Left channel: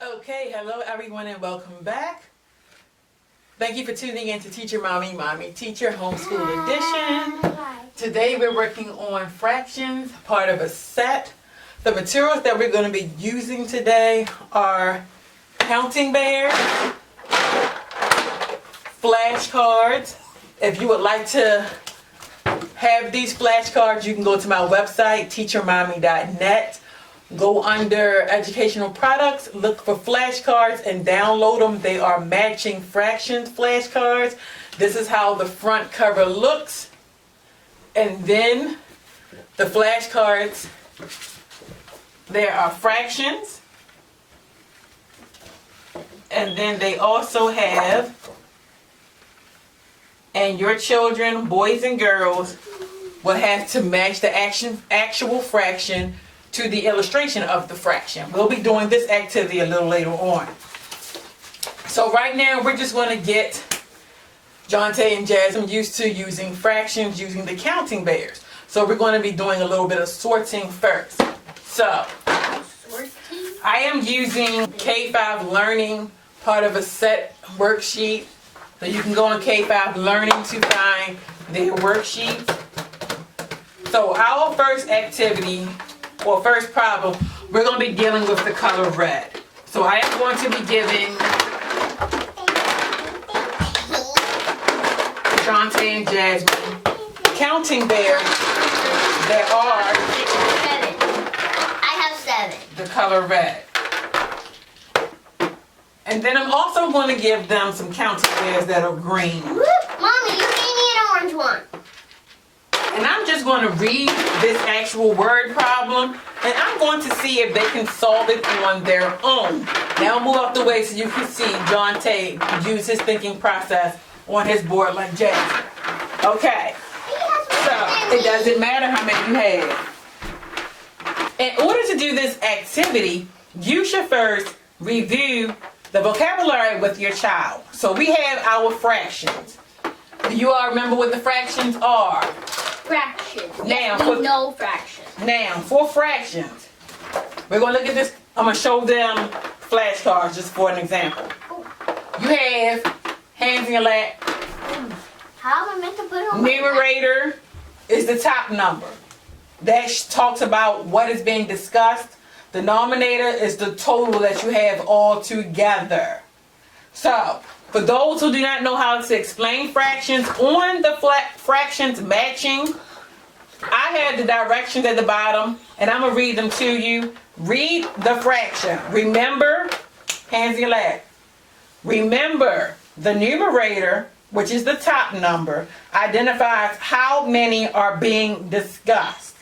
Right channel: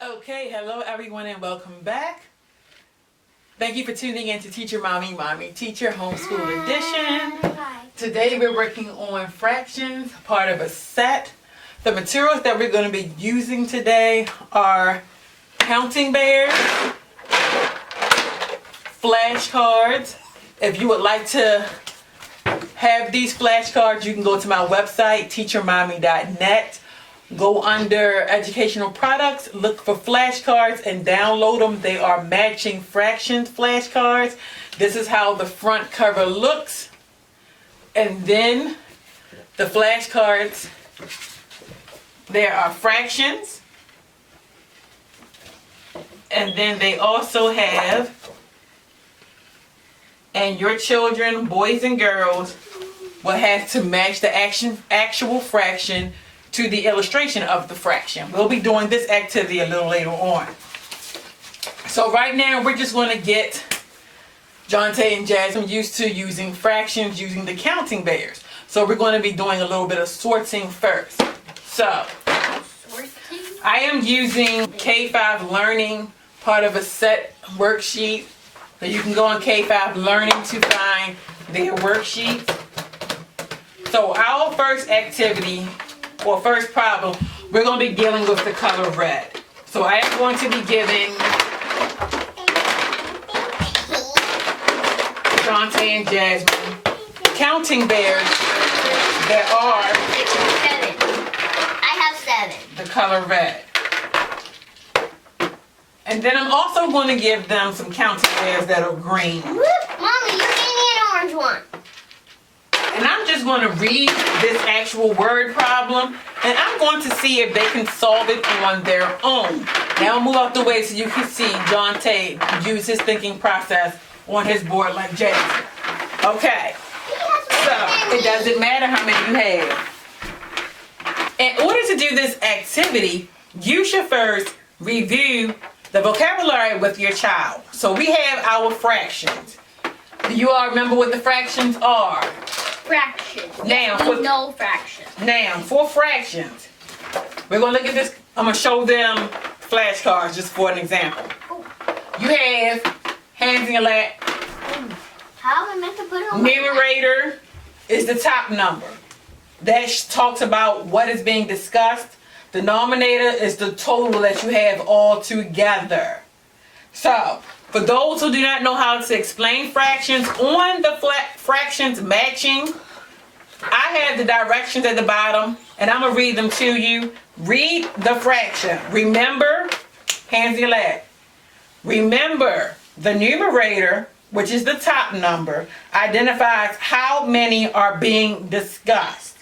Okay, hello everyone and welcome back. Thank you for tuning in to Teacher Mommy Teacher Homeschool Edition. Today we're working on fractions, part of a set. The materials that we're going to be using today are counting bears, flashcards. If you would like to have these flashcards, you can go to my website, teachermommy.net. Go under educational products, look for flashcards and download them. They are matching fractions flashcards. This is how the front cover looks. And then the flashcards, there are fractions. And then they also have, and your children, boys and girls, will have to match the actual fraction to the illustration of the fraction. We'll be doing this activity a little later on. So right now we're just going to get Jonte and Jasmine used to using fractions using the counting bears. So we're going to be doing a little bit of sorting first. So I am using K5 Learning, part of a set worksheet. So you can go on K5 Learning to find their worksheet. So our first activity, or first problem, we're going to be dealing with the color red. So I am going to be giving Jonte and Jasmine counting bears that are 7. I have 7. the color red. And then I'm also going to give them some counting bears that are green. Mommy, you gave me an orange one. And I'm just going to read this actual word problem, and I'm going to see if they can solve it on their own. Now I'll move out the way so you can see Jonte use his thinking process on his board like Jasmine. Okay, so it doesn't matter how many you have. In order to do this activity, you should first review the vocabulary with your child. So we have our fractions. Do you all remember what the fractions are? Fractions. Now, No fractions. Now, for fractions, we're going to look at this. I'm going to show them flashcards just for an example. You have hands in your lap. How am I meant to put it on? Numerator is the top number. That talks about what is being discussed. Denominator is the total that you have all together. So, for those who do not know how to explain fractions, on the fractions matching, I have the directions at the bottom, and I'm going to read them to you. Read the fraction. Remember, hands in your lap. Remember, the numerator, which is the top number, identifies how many are being discussed.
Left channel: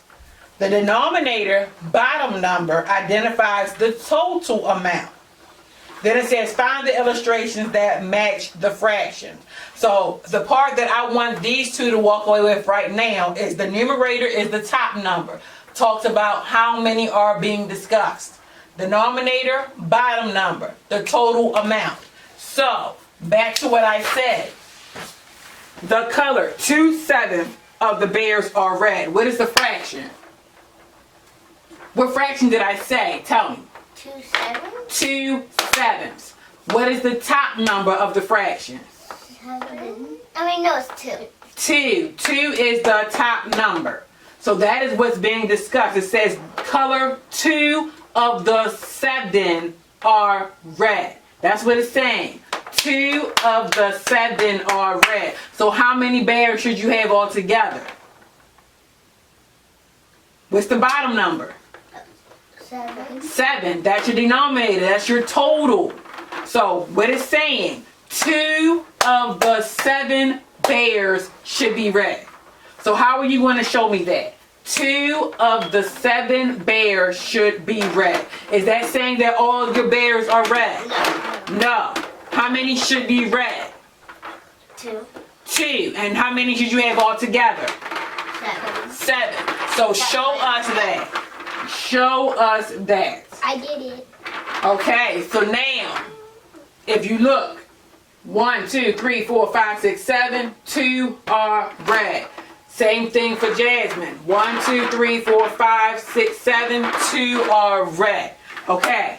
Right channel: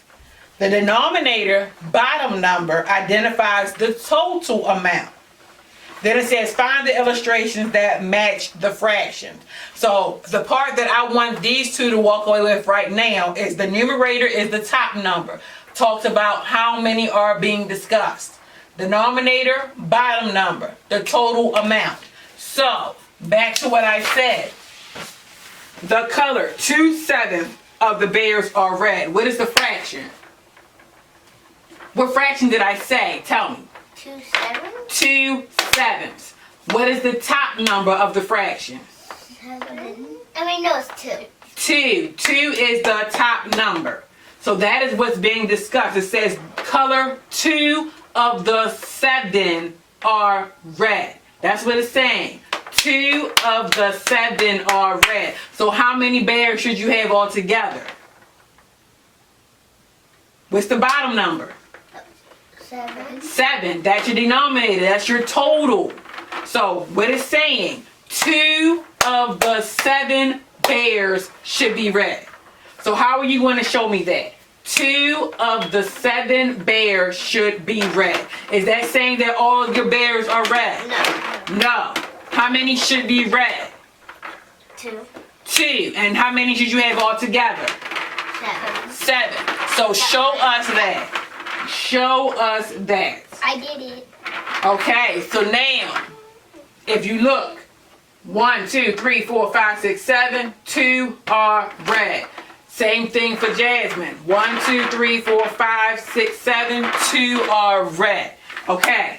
The denominator, bottom number, identifies the total amount. Then it says find the illustrations that match the fractions. So the part that I want these two to walk away with right now is the numerator is the top number. Talks about how many are being discussed. Denominator, bottom number, the total amount. So back to what I said. The color, 2/7 of the bears are red. What is the fraction? What fraction did I say? Tell me. 2 7. 2/7. What is the top number of the fraction? 7. No, it's 2. 2. 2 is the top number. So that is what's being discussed. It says color 2 of the 7 are red. That's what it's saying. 2 of the 7 are red. So how many bears should you have all together? What's the bottom number? 7. 7. That's your denominator. That's your total. So what it's saying, 2 of the 7 bears should be red. So how are you going to show me that? 2 of the 7 bears should be red. Is that saying that all of your bears are red? No. No. How many should be red? 2. 2. And how many should you have all together? 7. 7. So show us that. Show us that. I did it. Okay, so now, if you look, 1, 2, 3, 4, 5, 6, 7, 2 are red. Same thing for Jasmine. 1, 2, 3, 4, 5, 6, 7, 2 are red. Okay,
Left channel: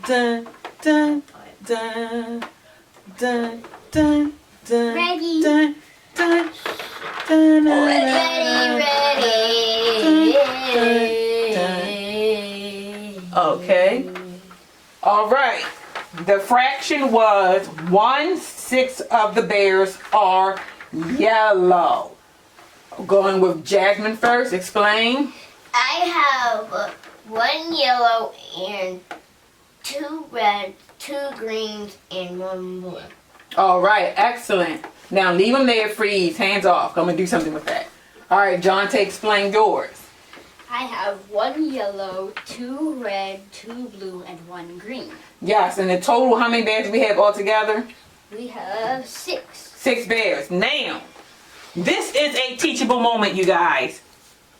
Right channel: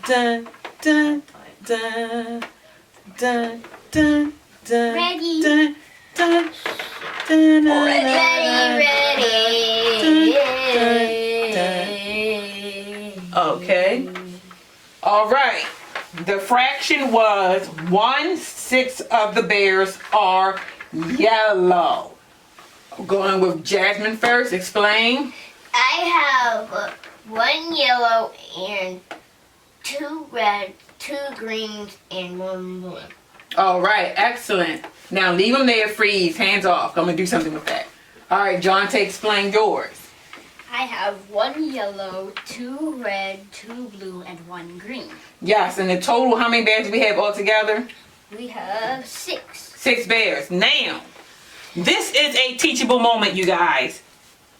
dun, dun, dun, dun, dun, dun, Ready. dun, dun, dun, dun, Ready. Okay. All right. The fraction was 1/6 of the bears are yellow. Going with Jasmine first. Explain. I have 1 yellow and 2 red, 2 greens, and 1 blue. All right. Excellent. Now leave them there. Freeze. Hands off. I'm gonna do something with that. All right, John. Explain yours. I have 1 yellow, 2 red, 2 blue, and 1 green. Yes. And the total, how many bears do we have altogether? We have 6. 6 bears. Now, this is a teachable moment, you guys.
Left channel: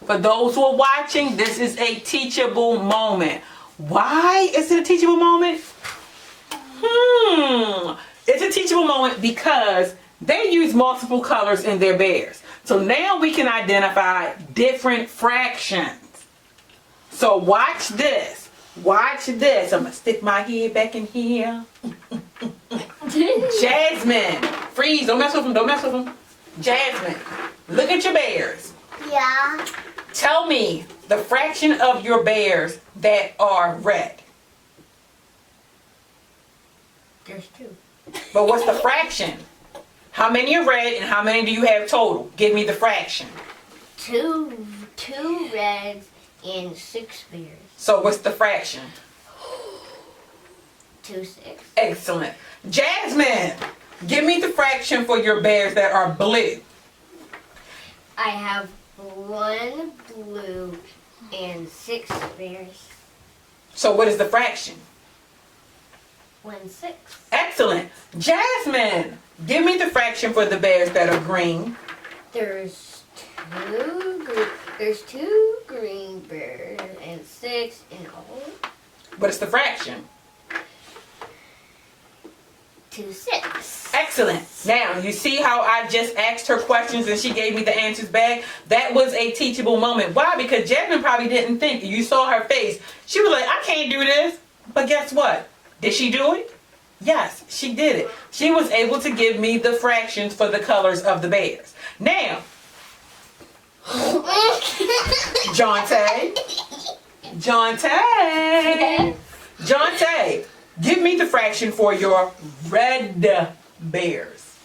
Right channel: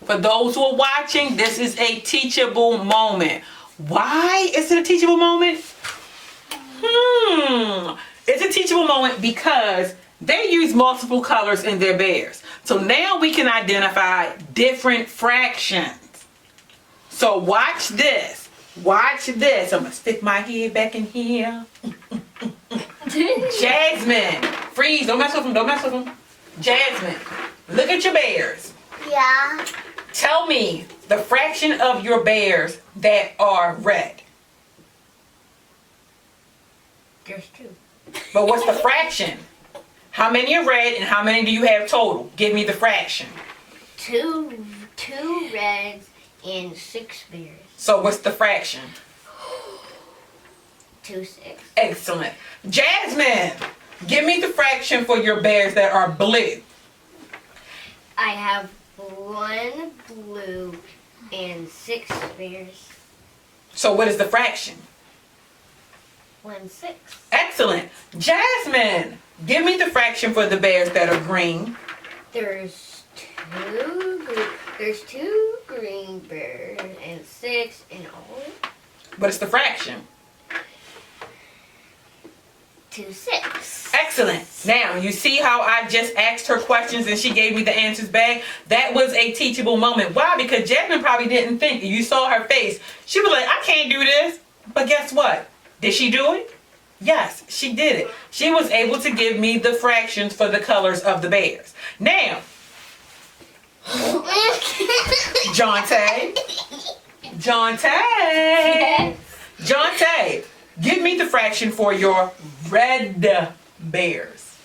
For those who are watching, this is a teachable moment. Why is it a teachable moment? It's a teachable moment because they use multiple colors in their bears. So now we can identify different fractions. So watch this. Watch this. I'm going to stick my head back in here. Jasmine. Freeze. Don't mess with them. Don't mess with them. Jasmine. Look at your bears. Yeah. Tell me the fraction of your bears that are red. There's 2. But what's the fraction? How many are red and how many do you have total? Give me the fraction. 2 reds and 6 bears. So what's the fraction? 2 6. Excellent. Jasmine, give me the fraction for your bears that are blue. I have 1 blue and 6 bears. So what is the fraction? 1 6. Excellent. Jasmine, give me the fraction for the bears that are green. There's 2 green bears and 6 in all. What is the fraction? 2 6. Excellent. Now, you see how I just asked her questions and she gave me the answers back? That was a teachable moment. Why? Because Jasmine probably didn't think. You saw her face. She was like, I can't do this. But guess what? Did she do it? Yes, she did it. She was able to give me the fractions for the colors of the bears. Now, Jonte, give me the fraction for your red bears.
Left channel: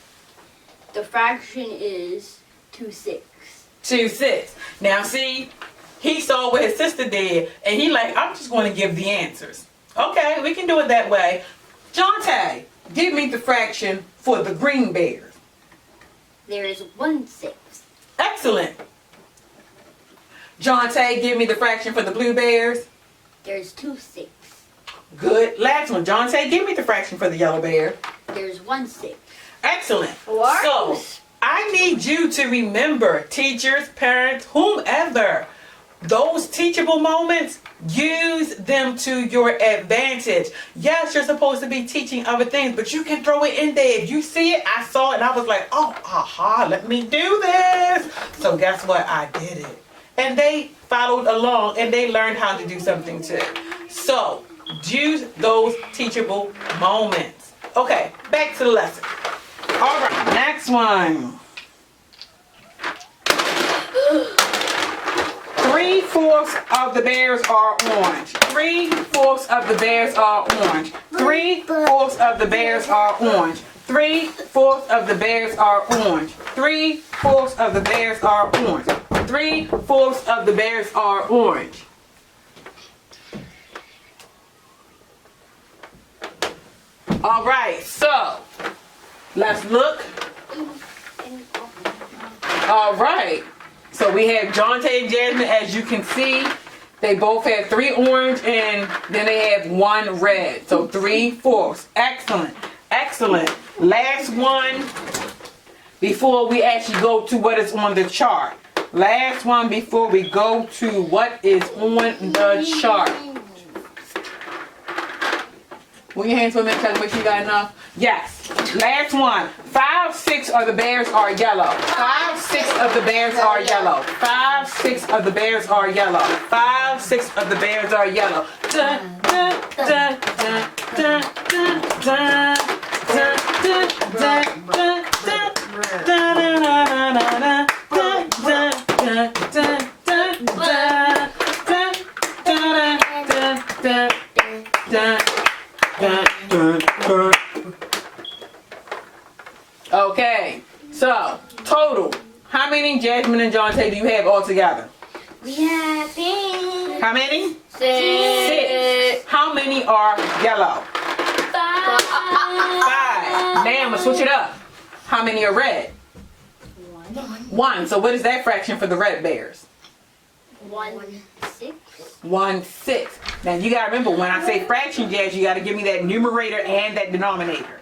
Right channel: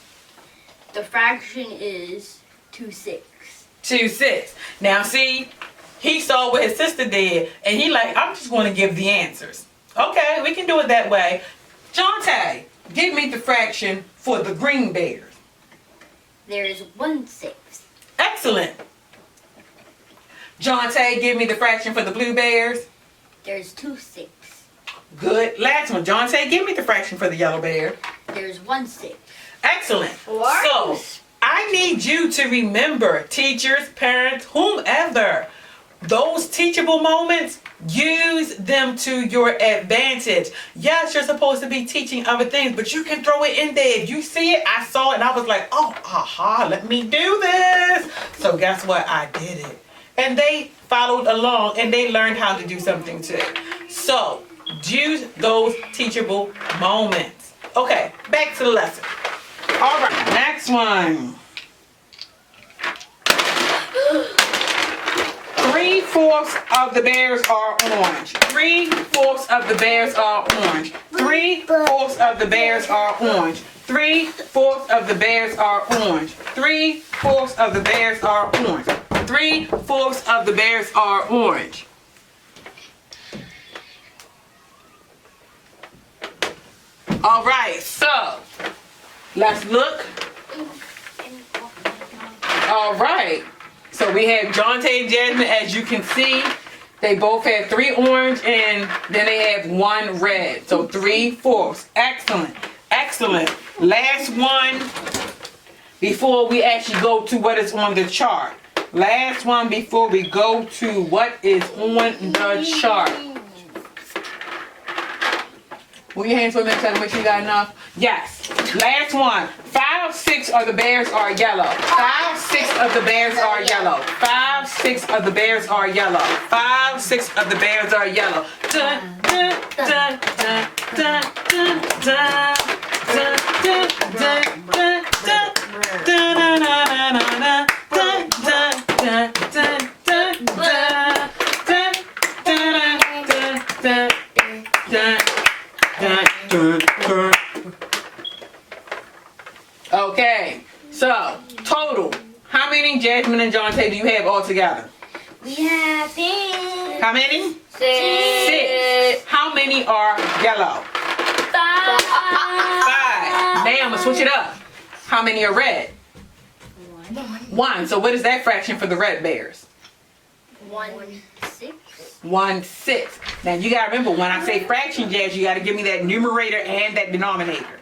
The fraction is 2 6. 2 6. Now see, he saw what his sister did, and he like, I'm just going to give the answers. Okay, we can do it that way. Jonte, give me the fraction for the green bears. There is 1 6. Excellent. Jonte, give me the fraction for the blue bears. There's 2 6. Good. Last one. Jonte, give me the fraction for the yellow bear. There's 1 6. Excellent. What? So, I need you to remember, teachers, parents, whomever, those teachable moments, use them to your advantage. Yes, you're supposed to be teaching other things, but you can throw it in there. If you see it, I saw it, and I was like, oh, aha, let me do this. So guess what? I did it. And they followed along, and they learned how to do something too. So, use those teachable moments. Okay, back to the lesson. All right, next one. 3/4 of the bears are orange. 3/4 of the bears are orange. 3/4 of the bears are orange. 3/4 of the bears are orange. 3/4 of the bears are orange. 3/4 of the bears are orange. All right, so let's look. All right. So we have Jonte and Jasmine, as you can see. They both have 3 orange and then they have 1 red. So 3/4. Excellent. Excellent. Last one before we actually go to what is on the chart. Last one before we go to what is on the chart. Put your hands for a minute, tell me if you got enough. Yes. Last one. 5/6 of the bears are yellow. 5/6 of the bears are yellow. 5/6 of the bears are yellow. 5/6 of the bears are yellow. Dun, dun, Okay, so total, how many Jasmine and Jonte do you have all together? We have pink. How many? 6. How many are yellow? 5. 5. Now I'm gonna switch it up. How many are red? 1. So what is that fraction for the red bears? 1 6. 1 6. Now you gotta remember when I say fraction, Jazz, you gotta give me that numerator and that denominator.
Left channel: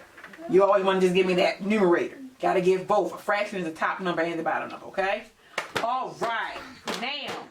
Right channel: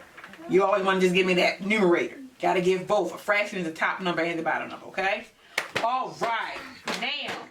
You always want to just give me that numerator. Gotta give both. A fraction is the top number and the bottom number, okay? All right. Now